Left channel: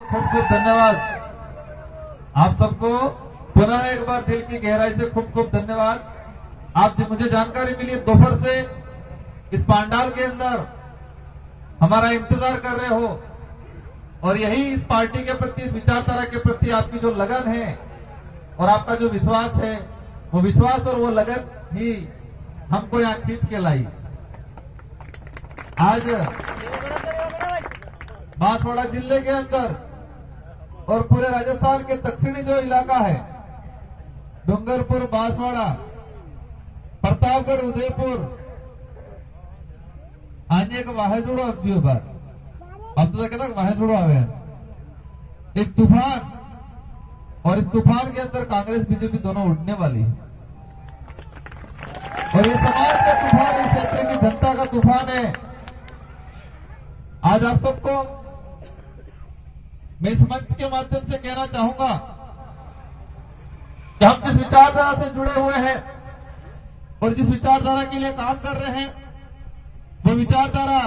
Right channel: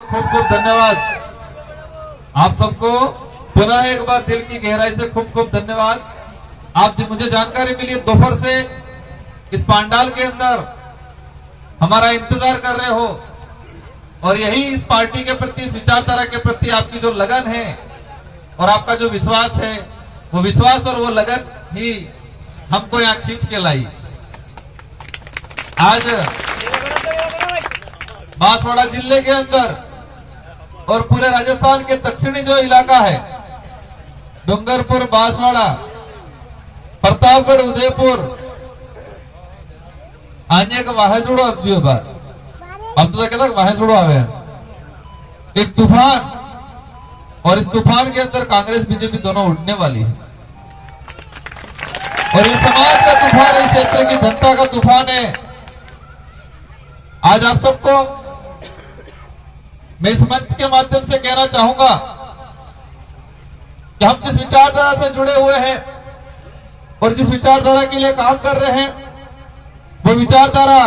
खूब खूब धन्यवाद आप सबको। पुनः एक बार दिल की गहराई से खूब खूब धन्यवाद। आप मुझे जानकारी मिली दोपहर से इस पांडाल के अंदर हमारा इंतजार कर रहे हो और यही इस पार्टी के प्रति, इस विचारधारा के प्रति आपकी जो लगन है और आपका जो विश्वास है, वो विश्वास और वो लगन ही हमको यहाँ खींच के लाई। आज बांसवाड़ा जिले के अंदर और पूरे राजस्थान के दक्षिणी जो इलाका है, डूंगरपुर, बांसवाड़ा, प्रतापगढ़, उदयपुर, आने का वाहे जोड़ो अब जो बार अब तो कहता वाहे जोड़ो आवे एक तूफान, और इस तूफान के अंदर कांग्रेस बीजेपी दोनों उड़ने वाली है और ये समाज का तूफान है, इस क्षेत्र की जनता का तूफान है। आज आप सबको मैं इस मंच के माध्यम से कहना चाहूंगा कि हम जिस विचारधारा से जुड़े हुए हैं और जिस विचारधारा के लिए काम कर रहे हैं, वो विचारधारा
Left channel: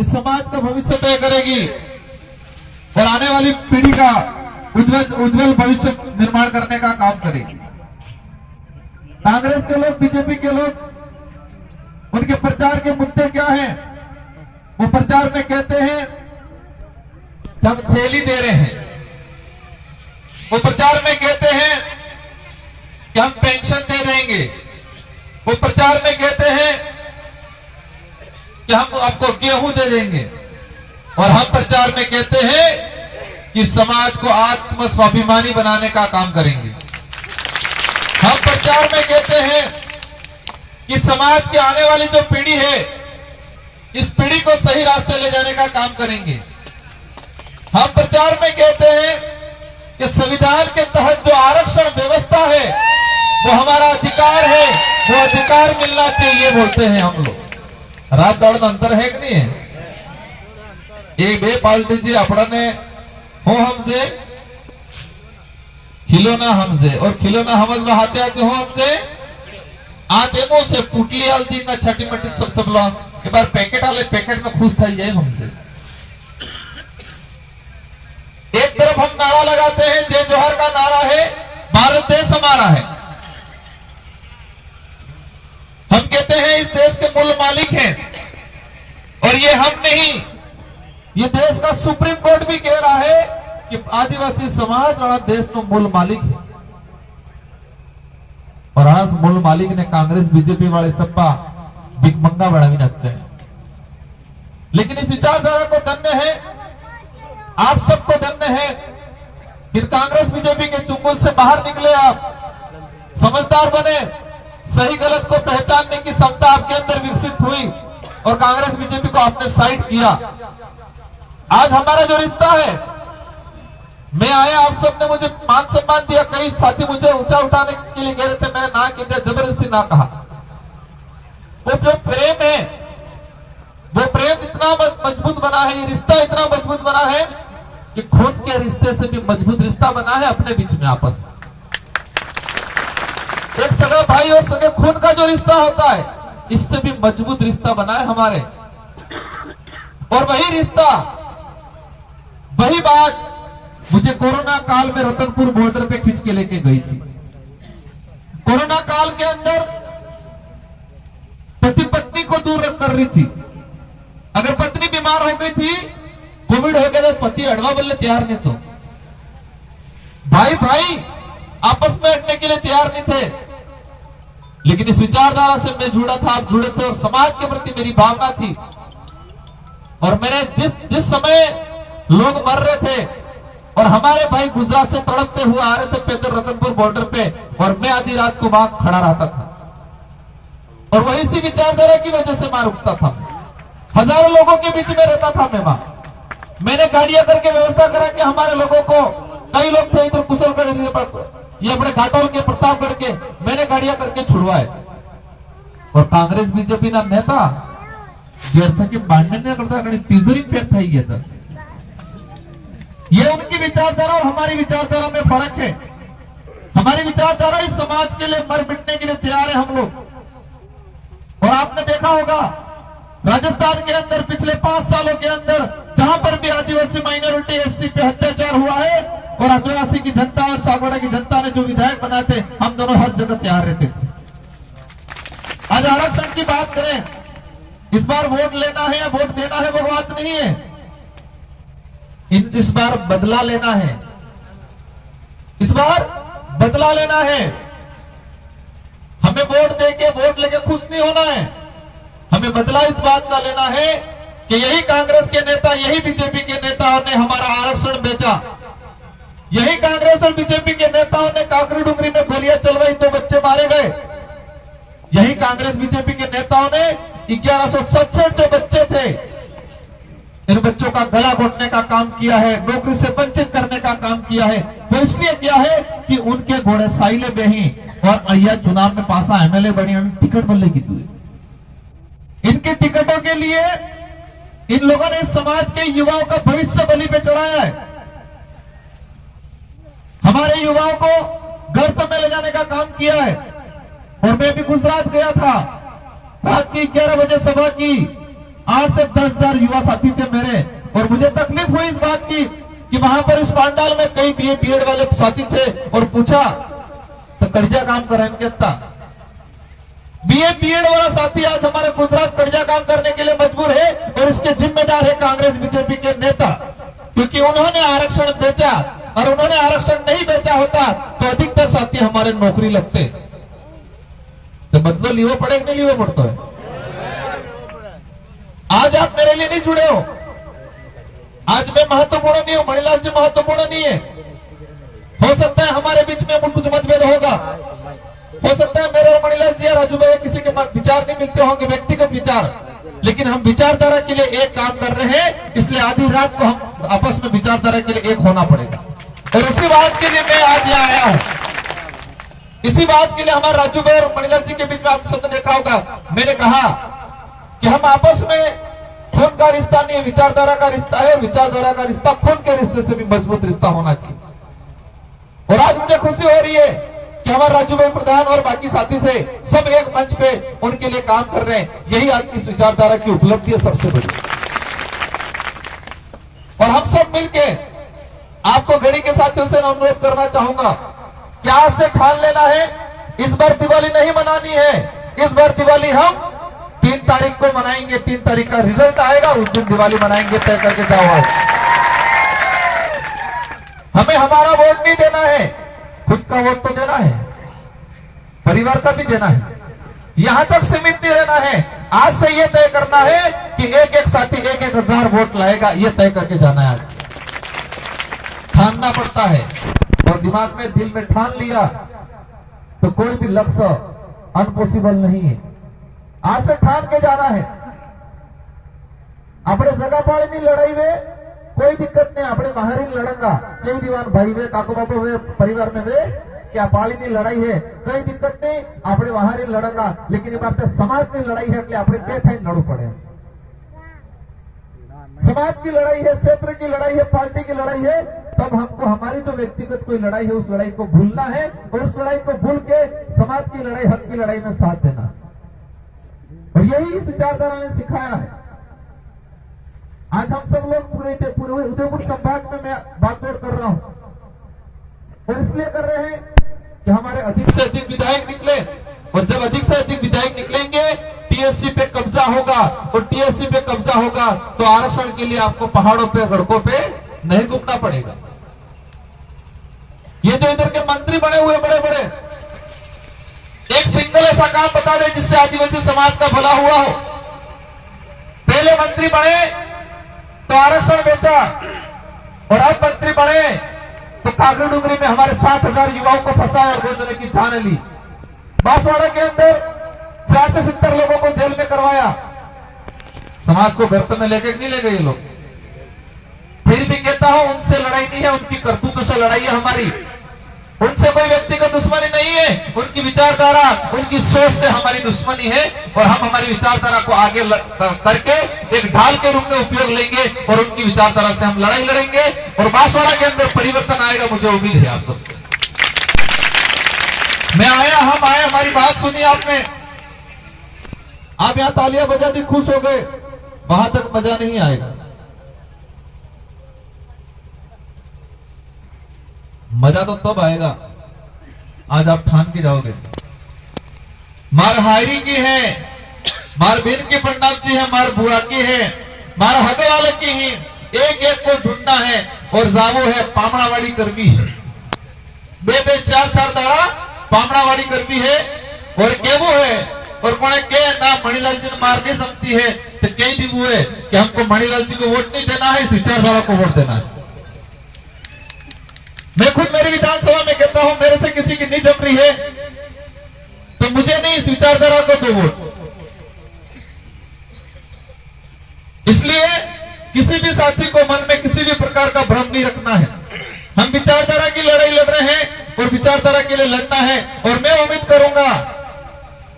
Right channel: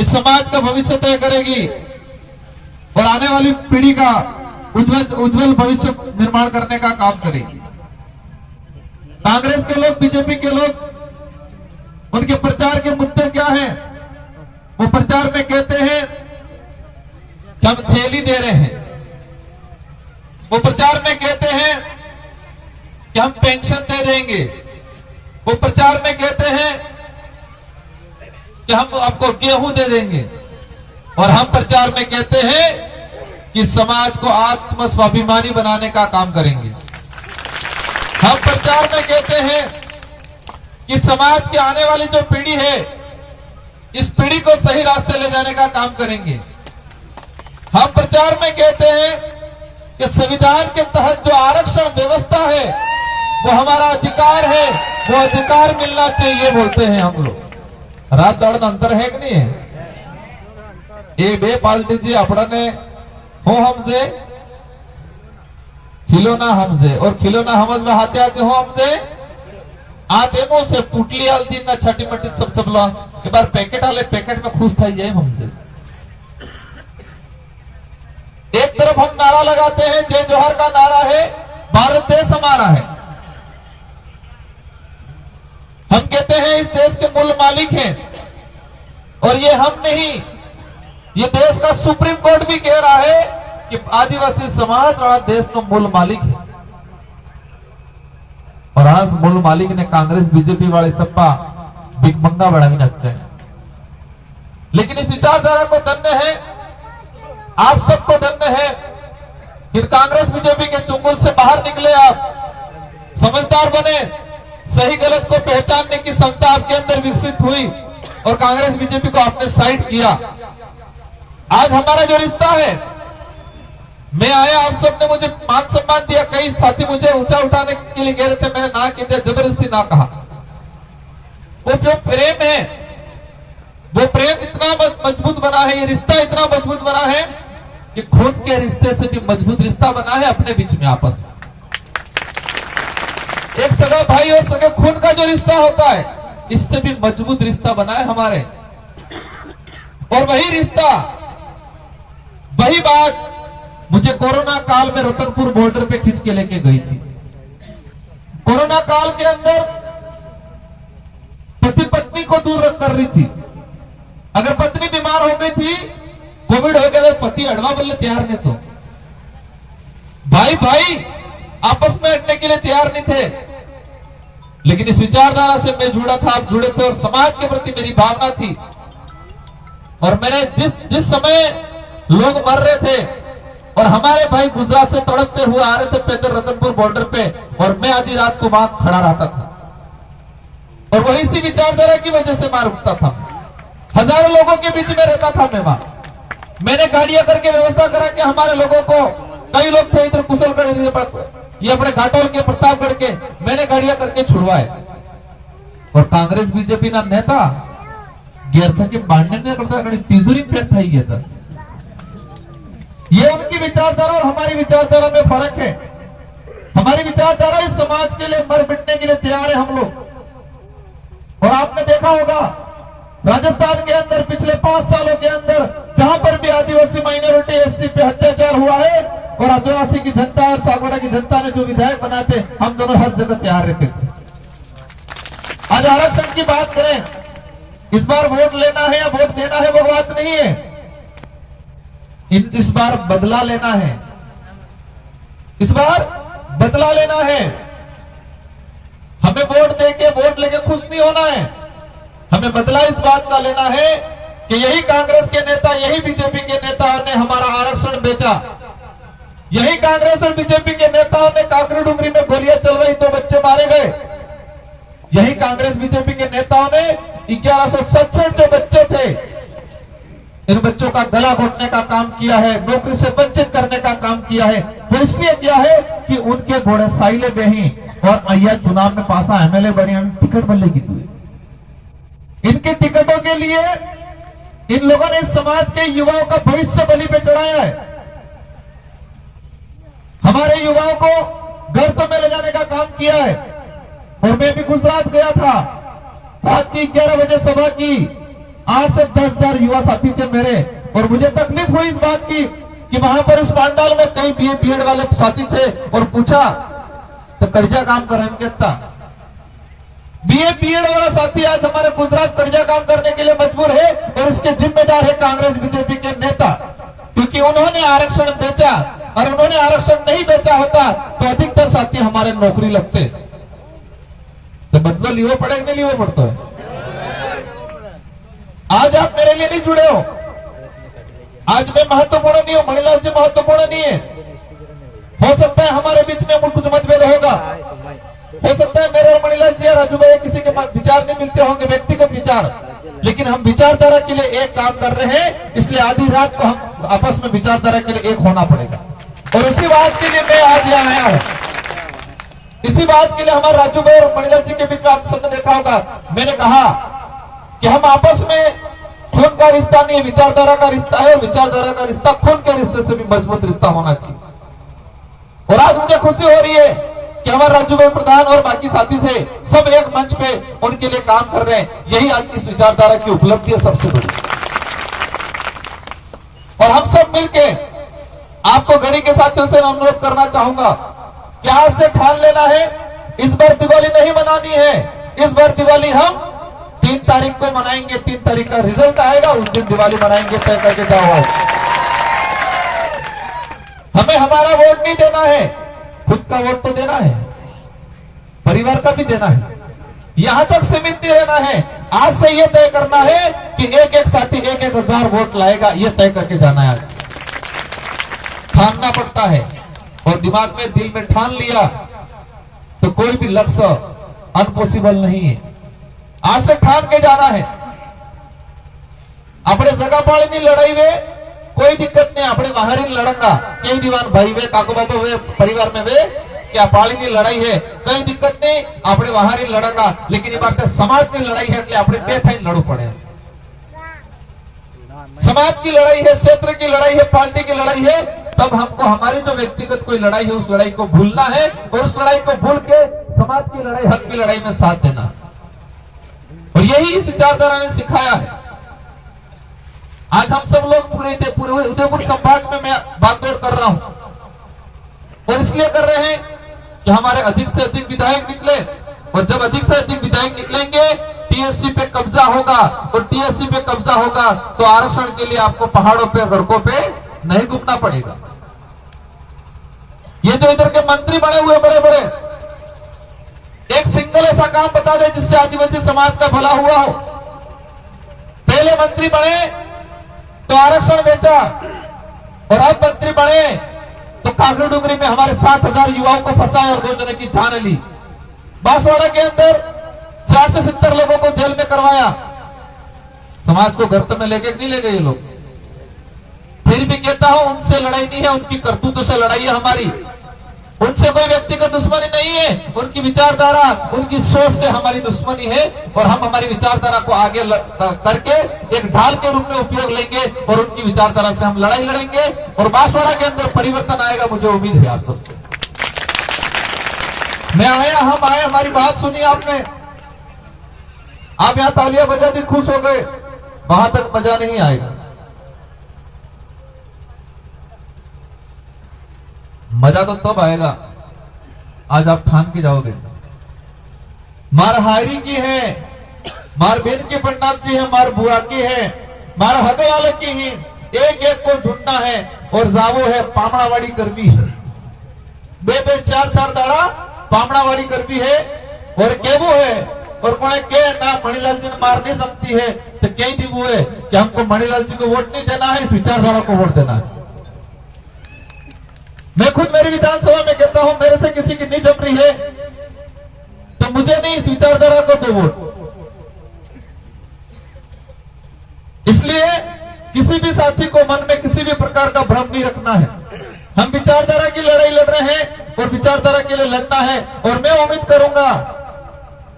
इस समाज का भविष्य तय करेगी और आने वाली पीढ़ी का उज्जवल भविष्य निर्माण करने का काम करेगी। कांग्रेस के लोग, बीजेपी के लोग, उनके प्रचार के मुद्दे क्या हैं? वो प्रचार में कहते हैं कि हम थैली दे रहे हैं, वो प्रचार में कहते हैं कि हम पेंशन दे देंगे, वो प्रचार में कहते हैं कि हम आपको गेहूं दे देंगे, और हम प्रचार में कहते हैं कि समाज को आत्म स्वाभिमानी बनाने का काम करेंगे। हम प्रचार में कहते हैं कि समाज की आने वाली जो पीढ़ी है, इस पीढ़ी को सही रास्ते ले जाने का काम करेंगे। हम प्रचार में कहते हैं कि संविधान के तहत जो आरक्षण व्यवस्था है वो हमारा अधिकार है, वो अधिकार मिलना चाहिए बोलते हैं हम लोग। रात दौड़ अंतर है कि नहीं है? एक बे पाल्टी जी अपना ने हो हमसे खिलौना हमसे और खिलौना हमज में हाथे आते हो हमसे आते मो से पुटली हल्दी ना छठी मटी सब सब लोग एक बार पैकेट आले पैकेट में खुश था जाए हमसे। एक तरफ हम नारा लगाते हैं, जय जोहर का नारा है, भारत देश हमारा है। हम कहते हैं इस देश के मूल मालिक हैं और ये हम नहीं, ये देश का सुप्रीम कोर्ट भी कह रहा है कि आदिवासी समाज वाला देश तो मूल मालिक है। और आज मूल मालिक ने कांग्रेस बीजेपी वाले सप्पा भिकमंगा बढ़ावी लगते हैं। लेकिन इस विचारधारा को धन्य है, आप सबको धन्य है कि कांग्रेस बीजेपी के चुंगल से बाहर निकले, आप समझदार बने, सही गलत को पहचानने की क्षमता आपके अंदर विकसित हुई और कांग्रेस बीजेपी को आपने साइड किया। आज हमारा जो रिश्ता है, मैं आया, आप सबने मुझे मान सम्मान दिया, कई साथी मुझे ऊंचा उठाने के लिए कह रहे थे, मैंने ना किया, जबरदस्ती ना कहा। वो जो प्रेम है, वो प्रेम इतना मजबूत बना है, ये रिश्ता इतना मजबूत बना है कि खून के रिश्ते से भी मजबूत रिश्ता बना है अपने बीच में आपस में। एक सगा भाई और सगे खून का जो रिश्ता होता है, इससे भी मजबूत रिश्ता बना है हमारे। और वही रिश्ता, वही बात मुझे कोरोना काल में रतनपुर बॉर्डर पे खींच के लेके गई थी। कोरोना काल के अंदर पति पत्नी को दूर कर रही थी। अगर पत्नी बीमार हो गई थी, कोविड हो गया, तो पति अड़वा बोलने तैयार नहीं, तो भाई भाई आपस में हटने के लिए तैयार नहीं थे। लेकिन इस विचारधारा से मैं जुड़ा था, आप जुड़े थे और समाज के प्रति मेरी भावना थी। और मैंने जिस समय लोग मर रहे थे और हमारे भाई गुजरात से तड़पते हुए आ रहे थे पैदल रतनपुर बॉर्डर पे, और मैं आधी रात को वहां खड़ा रहता था और वही इसी विचारधारा की वजह से मार उठता था। हजारों लोगों के बीच में रहता था मैं वहां। मैंने गाड़ियां करके व्यवस्था करा के हमारे लोगों को, कई लोग थे इधर कुशलगढ़, ये अपने घाटोल के, प्रतापगढ़ के, मैंने गाड़ियां करके छुड़वाए। और कांग्रेस बीजेपी ना नेता गिर था कि बांधने नहीं पड़ता, तिजोरी पैक था ही गया था। ये उनकी विचारधारा और हमारी विचारधारा में फर्क है। हमारी विचारधारा इस समाज के लिए मर मिटने के लिए तैयार है हम लोग। और आपने देखा होगा राजस्थान के अंदर पिछले 5 सालों के अंदर जहां पर भी आदिवासी माइनॉरिटी एससी पे अत्याचार हुआ है और आदिवासी की जनता और सागवाड़ा की जनता ने जो विधायक बनाए थे, हम दोनों हर जगह तैयार रहते थे। आज आरक्षण की बात करें, इस बार वोट लेना है या वोट देना है वो बात नहीं है, इस बार बदला लेना है, इस बार बदला लेना है। हमें वोट देके वोट लेके खुश नहीं होना है, हमें बदला इस बात का लेना है कि यही कांग्रेस के नेता, यही बीजेपी के नेताओं ने हमारा आरक्षण बेचा, यही कांग्रेस और बीजेपी के नेताओं ने काकरी डुंगरी में गोलियां चलवाई तो बच्चे मारे गए, यही कांग्रेस बीजेपी के नेताओं ने 1167 जो बच्चे थे, इन बच्चों का गला घोटने का काम किया है, नौकरी से वंचित करने का काम किया है। वो इसलिए किया है कि उनके घोड़े साइले बेही और अय्या चुनाव में पासा एमएलए बने, टिकट बल्ले की इनके टिकटों के लिए इन लोगों ने इस समाज के युवाओं का भविष्य बलि पे चढ़ाया है। हमारे युवाओं को गर्त में ले जाने का काम किया है। और मैं भी गुजरात गया था, रात की 11 बजे सभा की, 8 से 10,000 युवा साथी थे मेरे, और मुझे तकलीफ हुई इस बात की कि वहां पर इस पांडाल में कई बीए बीएड वाले साथी थे, और पूछा तो कर्जा काम कर रहे हैं, बीए बीएड वाला साथी आज हमारे गुजरात कर्जा काम करने के लिए मजबूर है, और इसके जिम्मेदार है कांग्रेस बीजेपी के नेता, क्योंकि उन्होंने आरक्षण बेचा, और उन्होंने आरक्षण नहीं बेचा होता तो अधिकतर साथी हमारे नौकरी लगते। तो बदलो लीवो पड़े नहीं लीवो पड़ता है। आज आप मेरे लिए नहीं जुड़े हो, आज मैं महत्वपूर्ण नहीं हूं, मणिलाल जी महत्वपूर्ण नहीं है। हो सकता है हमारे बीच में कुछ मतभेद होगा, हो सकता है मेरे और मणिलाल जी राजू भाई किसी के विचार नहीं मिलते होंगे, व्यक्तिगत विचार, लेकिन हम विचारधारा के लिए एक काम कर रहे हैं, इसलिए आधी रात को हम आपस में विचारधारा के लिए एक होना पड़ेगा। और उसी बात के लिए मैं आज यहाँ आया हूं, इसी बात के लिए हमारे राजू भाई और मणिलाल जी के बीच में आप सबने देखा होगा, मैंने कहा कि हम आपस में खून का रिश्ता नहीं, विचारधारा का रिश्ता है, विचारधारा का रिश्ता खून के रिश्ते से भी मजबूत रिश्ता होना चाहिए। और आज मुझे खुशी हो रही है कि हमारे राजू भाई प्रधान और बाकी साथी से सब एक मंच पे उनके लिए काम कर रहे हैं, यही आज इस विचारधारा की उपलब्धि है सबसे बड़ी। और हम सब मिलके आपको घड़ी के साथियों से अनुरोध करना चाहूंगा कि आज से ठान लेना है, इस बार दिवाली नहीं मनानी है, इस बार दिवाली हम 3 तारीख को मनाएंगे, 3 तारीख का रिजल्ट आएगा, उस दिन दिवाली मनाएंगे, तय करके जाओ। आज हमें हमारा वोट नहीं देना है, खुद का वोट तो देना है, परिवार का भी देना है, यहां तक सीमित नहीं रहना है। आज से यह तय करना है कि एक एक साथी 1,000 वोट लाएगा, यह तय करके जाना है। आज ठानना पड़ता है, और दिमाग में दिल में ठान लिया तो कोई भी लक्ष्य अनपॉसिबल नहीं है। आज से ठान के जाना है। अपने जगह पाड़ी लड़ाई में कोई दिक्कत नहीं, अपने बाहर ही लड़ंगा, कई दीवान भाई वे काको बाबा वे परिवार में वे क्या पाली की लड़ाई है, कोई दिक्कत नहीं, अपने बाहर ही लड़ंगा, लेकिन ये बात समाज की लड़ाई है, इसलिए अपने पेट ही लड़ू पड़े। समाज की लड़ाई है, क्षेत्र की लड़ाई है, पार्टी की लड़ाई है, तब हमको हमारी जो व्यक्तिगत कोई लड़ाई है उस लड़ाई को भूलना है, और उस लड़ाई को भूल के समाज की लड़ाई, हक की लड़ाई में साथ देना। और यही इस विचारधारा ने सिखाया है। आज हम सब लोग पूरे उदयपुर संभाग में मैं बातचीत कर रहा हूं, और इसलिए कर रहे हैं कि हमारे अधिक से अधिक विधायक निकले, और जब अधिक से अधिक विधायक निकलेंगे टीएससी पे कब्जा होगा, और टीएससी पे कब्जा होगा तो आरक्षण के लिए आपको पहाड़ों पे गड़कों पे नहीं घूमना पड़ेगा। ये जो इधर के मंत्री बने हुए बड़े बड़े, एक सिंगल ऐसा काम बता दे जिससे आदिवासी समाज का भला हुआ हो। पहले मंत्री बने तो आरक्षण बेचा, और अब मंत्री बने तो काकरी डुंगरी में हमारे 7,000 युवाओं को फंसाया और 2 जने की जान ली। बांसवाड़ा के अंदर 60 से 70 लोगों को जेल में करवाया। समाज को गर्त में लेके नहीं ले गए ये लोग। फिर भी कहता हूं उनसे लड़ाई नहीं है, उनकी करतूतों से लड़ाई है हमारी। उनसे कोई व्यक्तिगत दुश्मनी नहीं है, उनकी विचारधारा, उनकी सोच से हमारी दुश्मनी है, और हम हमारी विचारधारा को आगे करके एक ढाल के रूप में उपयोग लेंगे, और उनकी विचारधारा से हम लड़ाई लड़ेंगे, और बांसवाड़ा के अंदर परिवर्तन आएगा, मुझे उम्मीद है आप सबसे। मैं आया, हम आए, हमारी बात सुनी आपने, आप यहां तालियां बजा दी, खुश हो गए, वहां तक मजा नहीं आएगा। मजा तो तब आएगा आज आप ठान के जाओगे। मार हायरी की है, मार बेन की पंडाम जी है, मार बुआ की है, मार हद वाले की ही, एक एक को ढूंढना है और जावो है पामड़ावाड़ी करवी है। बे बे चार चार दाड़ा पामड़ावाड़ी करवी है और केवो है और कोने के ना मणिलाल जी ने मार नहीं सकती है तो कई दिवो है कि हमको मणिलाल जी को वोट नहीं देना है, इस विचारधारा को वोट देना है। मैं खुद मेरी विधानसभा में कहता हूं मेरे से किसी की नहीं जम रही है तो मुझे नहीं, इस विचारधारा को दो वोट। इसलिए किसी भी साथी को मन में किसी भी प्रकार का भ्रम नहीं रखना है। हम विचारधारा की लड़ाई लड़ रहे हैं और विचारधारा के लिए लड़ना है। और मैं उम्मीद करूंगा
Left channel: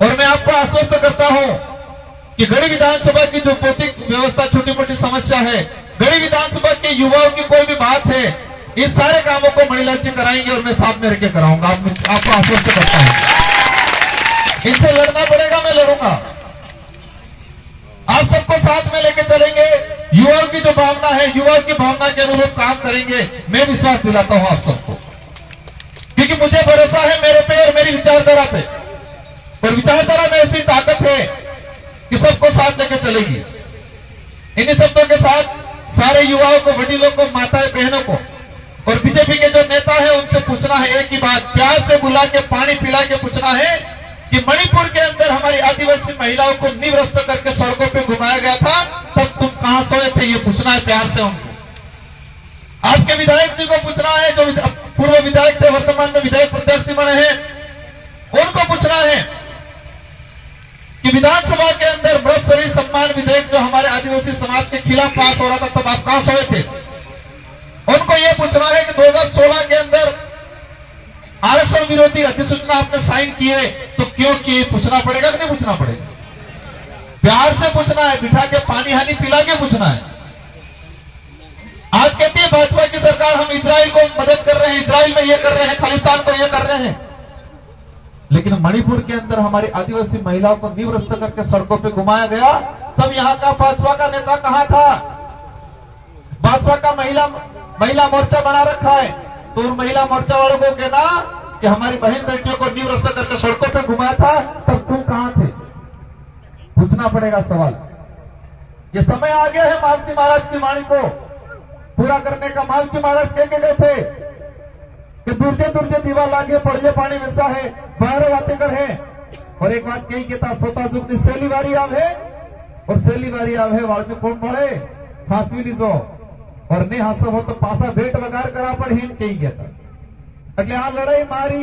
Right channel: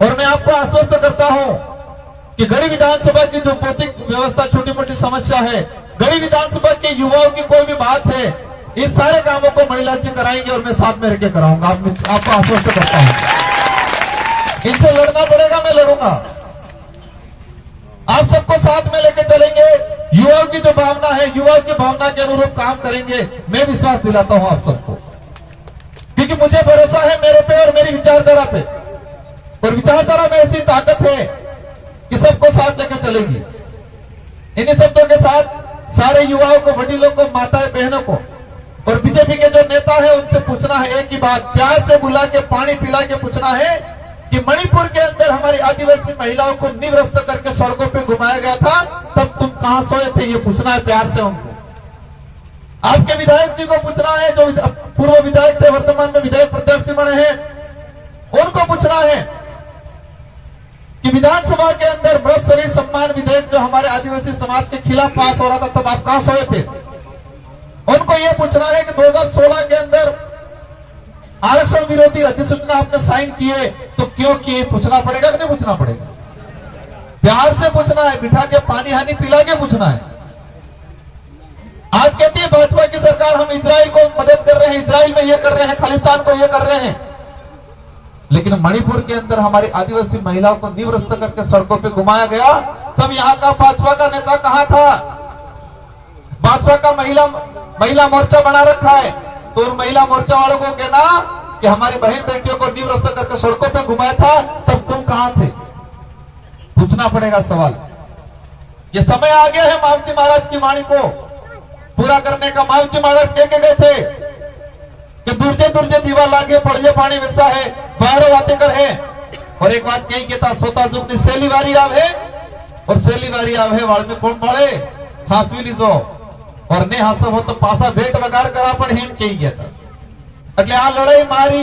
और मैं आपको आश्वस्त करता हूं कि गढ़ी विधानसभा की जो भौतिक व्यवस्था छोटी मोटी समस्या है, गढ़ी विधानसभा के युवाओं की कोई भी बात है, इस सारे कामों को मणिलाल जी कराएंगे और मैं साथ में रह के कराऊंगा। आपको आश्वस्त करता हूं। इनसे लड़ना पड़ेगा, मैं लड़ूंगा। आप सबको साथ में लेके चलेंगे। युवाओं की जो भावना है, युवाओं की भावना के अनुरूप काम करेंगे। मैं विश्वास दिलाता हूं आप सबको, क्योंकि मुझे भरोसा है मेरे पे और मेरी विचारधारा पे। और विचारधारा में ऐसी ताकत है कि सबको साथ लेके चलेगी। इन्हीं शब्दों के साथ सारे युवाओं को, वडीलों को, माताएं बहनों को और बीजेपी के जो नेता है उनसे पूछना है एक ही बात, प्यार से बुला के पानी पिला के पूछना है कि मणिपुर के अंदर हमारी आदिवासी महिलाओं को निवस्त करके सड़कों पे घुमाया गया था, तब तुम कहां सोए थे? ये पूछना है प्यार से उनको। आपके विधायक जी को पूछना है, जो पूर्व विधायक थे वर्तमान में विधायक प्रत्याशी बने हैं, उनको पूछना है कि विधानसभा के अंदर मृत शरीर सम्मान विधेयक जो हमारे आदिवासी समाज के खिलाफ पास हो रहा था, तब आप कहां सोए थे? उनको यह पूछना है कि 2016 के अंदर आरक्षण विरोधी अधिसूचना आपने साइन किए तो क्यों किए? पूछना पड़ेगा कि नहीं पूछना पड़ेगा? प्यार से पूछना है, बिठा के पानी हानी पिला के पूछना है। आज कहती है भाजपा की सरकार हम इजराइल को मदद कर रहे हैं, इजराइल में ये कर रहे हैं, खालिस्तान को ये कर रहे हैं, लेकिन मणिपुर के अंदर हमारी आदिवासी महिलाओं को निवस्त करके सड़कों पे घुमाया गया, तब यहाँ का भाजपा का नेता कहां था? भाजपा का महिला मोर्चा बना रखा है, तो उन महिला मोर्चा वालों को कहना कि हमारी बहन बेटियों को निवस्त करके सड़कों पे घुमाया था, तब तुम कहां थे? पूछना पड़ेगा सवाल। ये समय आ गया है मावजी महाराज की वाणी को पूरा करने का। मावजी महाराज कह के गए थे कि दुर्जे दुर्जे दीवा लागे पड़जे पानी वैसा है, बाहर बातें कर है। और एक बात कही कहता सोता जुगनी सेली वारी आवे और सेली वारी आवे वाल में कौन पड़े फांसवी लीजो और ने हासब हो तो पासा भेट वगार करा पण हेम कही गया था। એટલે આ લડાઈ મારી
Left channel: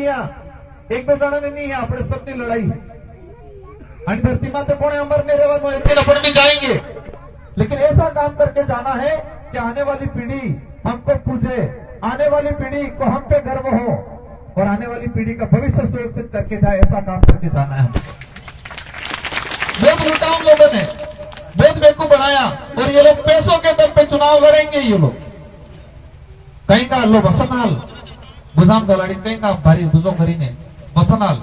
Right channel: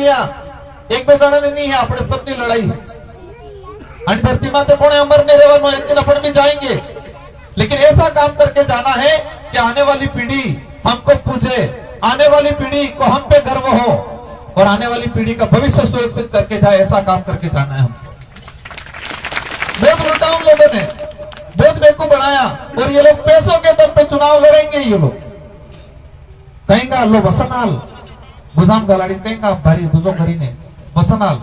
એક બે જણાની નહીં, આપણે સબની લડાઈ है। અને धरती माते कोने अमर नहीं रहવાનો, एक दिन अपन भी जाएंगे, लेकिन ऐसा काम करके जाना है कि आने वाली पीढ़ी हमको पूछे, आने वाली पीढ़ी को हम पे गर्व हो और आने वाली पीढ़ी का भविष्य सुरक्षित करके जाए, ऐसा काम करके जाना है। बहुत लुटाऊ लोगों ने बहुत बेवकूफ बनाया और ये लोग पैसों के दम पे चुनाव लड़ेंगे। ये लोग कहेंगे लो वसनाल गुजाम गलाड़ी, कहेंगे भारी गुजो करीने वसनाल,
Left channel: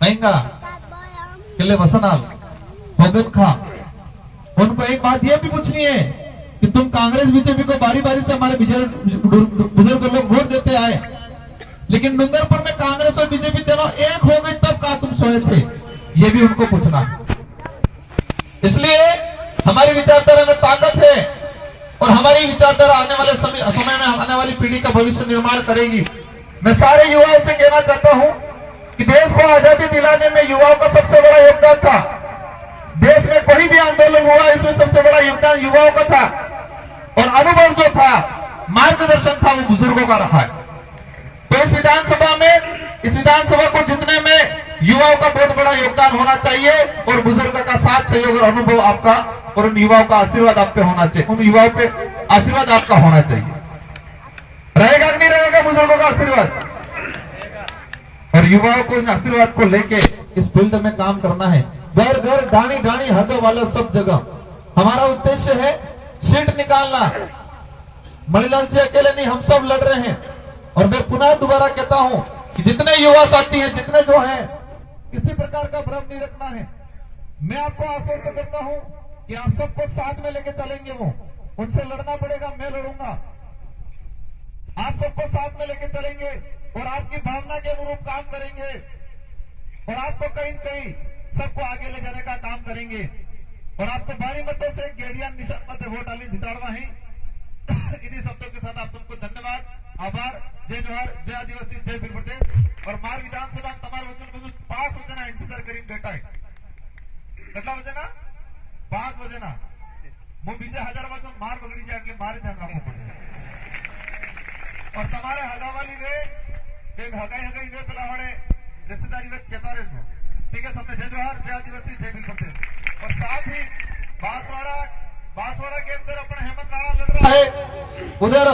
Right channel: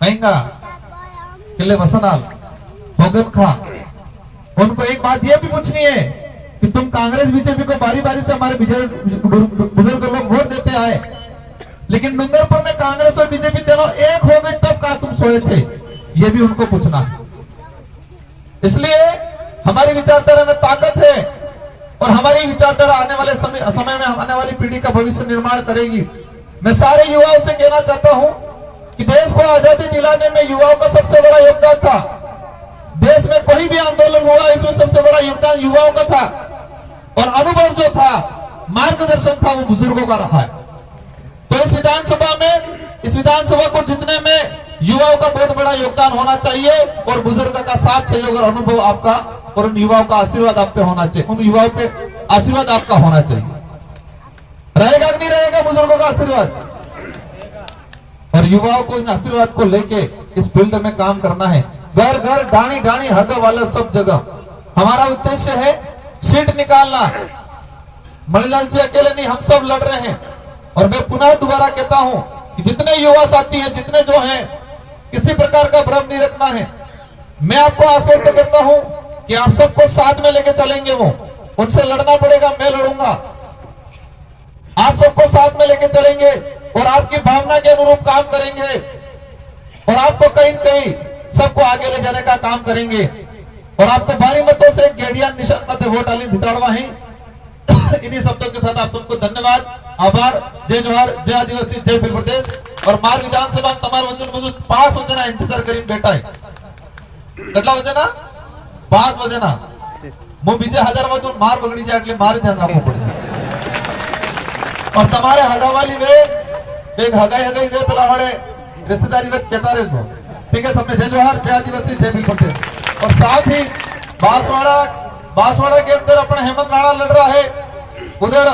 कहेंगे किले वसनाल भोगन खा। उनको एक बात यह भी पूछनी है कि तुम कांग्रेस बीजेपी को बारी बारी से हमारे बुजुर्ग लोग वोट देते आए, लेकिन डूंगरपुर में कांग्रेस और बीजेपी दोनों एक हो गई, तब कहा तुम सोए थे? ये भी उनको पूछना। इसलिए हमारी विचारधारा में ताकत है और हमारी विचारधारा आने वाले समय में आने वाली पीढ़ी का भविष्य निर्माण करेगी। मैं सारे युवाओं से कहना चाहता हूं कि देश को आजादी दिलाने में युवाओं का सबसे बड़ा योगदान था। देश में कोई भी आंदोलन हुआ, इसमें सबसे बड़ा योगदान युवाओं का था और अनुभव जो था, मार्गदर्शन था, वो बुजुर्गों का रहा है। तो इस विधानसभा को जीतने में युवाओं का बहुत बड़ा योगदान होना चाहिए और बुजुर्ग का साथ सहयोग और अनुभव आपका और उन युवाओं का आशीर्वाद आप पे होना चाहिए, उन युवाओं पे आशीर्वाद आपका होना चाहिए। रहेगा कि नहीं रहेगा बुजुर्गों का आशीर्वाद? और युवाओं को इन आशीर्वाद को लेके इस फील्ड में काम करना है। घर घर डाणी डाणी हग वाला सब जगह हमारा उद्देश्य है सीट निकालना। मणिलाल जी अकेले नहीं, हम सब लड़ रहे हैं। और मैं पुनः दोबारा कहता हूं कि जितने युवा साथी हैं, जितने जो हैं, किसी प्रकार का भ्रम नहीं रखना है। मैं आपको आश्वस्त करता हूं कि आप सबको साथ में लेके चलेंगे, वो उनसे लड़ना पड़ेगा, मैं लड़ूंगा। आप सबको साथ में लेके चलेंगे और आपकी भावना के अनुरूप काम करेंगे और आपको कहीं न कहीं सबको आगे ले जाने का काम करेंगे और आपको भारी मतों से गेडिया निशान मत वोट आली जिताड़वा है। इन्हीं शब्दों के साथ आप सबको धन्यवाद, आभार, जय जोहार, जय आदिवासी, जय भील प्रदेश। और मार विधानसभा तमार वजन मजूद 5 बजे इंतजार करीन बैठा है। કેટલા બજે ના 5 બજે ના હું બીજે 1000 મજૂર માર બગડી જાય એટલે મારે ધ્યાન રાખવું પડે। और તમારે હગાવાલી વે એક હગાઈ વે પેલા વાળે रिश्तेदारी वे कहता रहे सो। ठीक है, सबने जय जोहार, जय आदिवासी, जय भील प्रदेश। और साथ ही बांसवाड़ा के अंदर अपना हेमंत राणा लड़ रहा है, उधर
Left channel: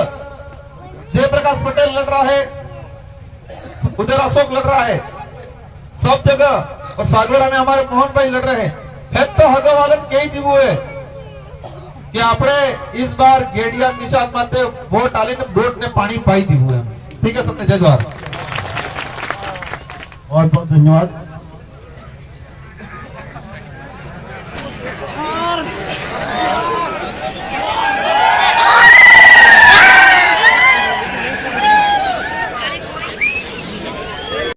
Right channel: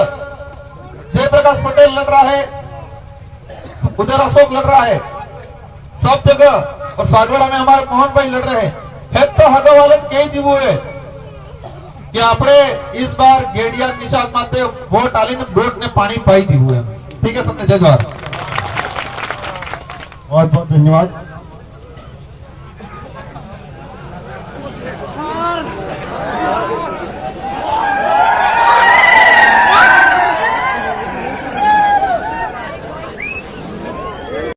जयप्रकाश पटेल लड़ रहा है, उधर अशोक लड़ रहा है, सब जगह। और सागवाड़ा में हमारे मोहन भाई लड़ रहे हैं। तो हगावालत कई दिवो है कि आपने इस बार गेडिया निशान माते वोट आली ने वोट ने पानी पाई दी हुए। ठीक है, सबने जय जोहार, बहुत बहुत धन्यवाद।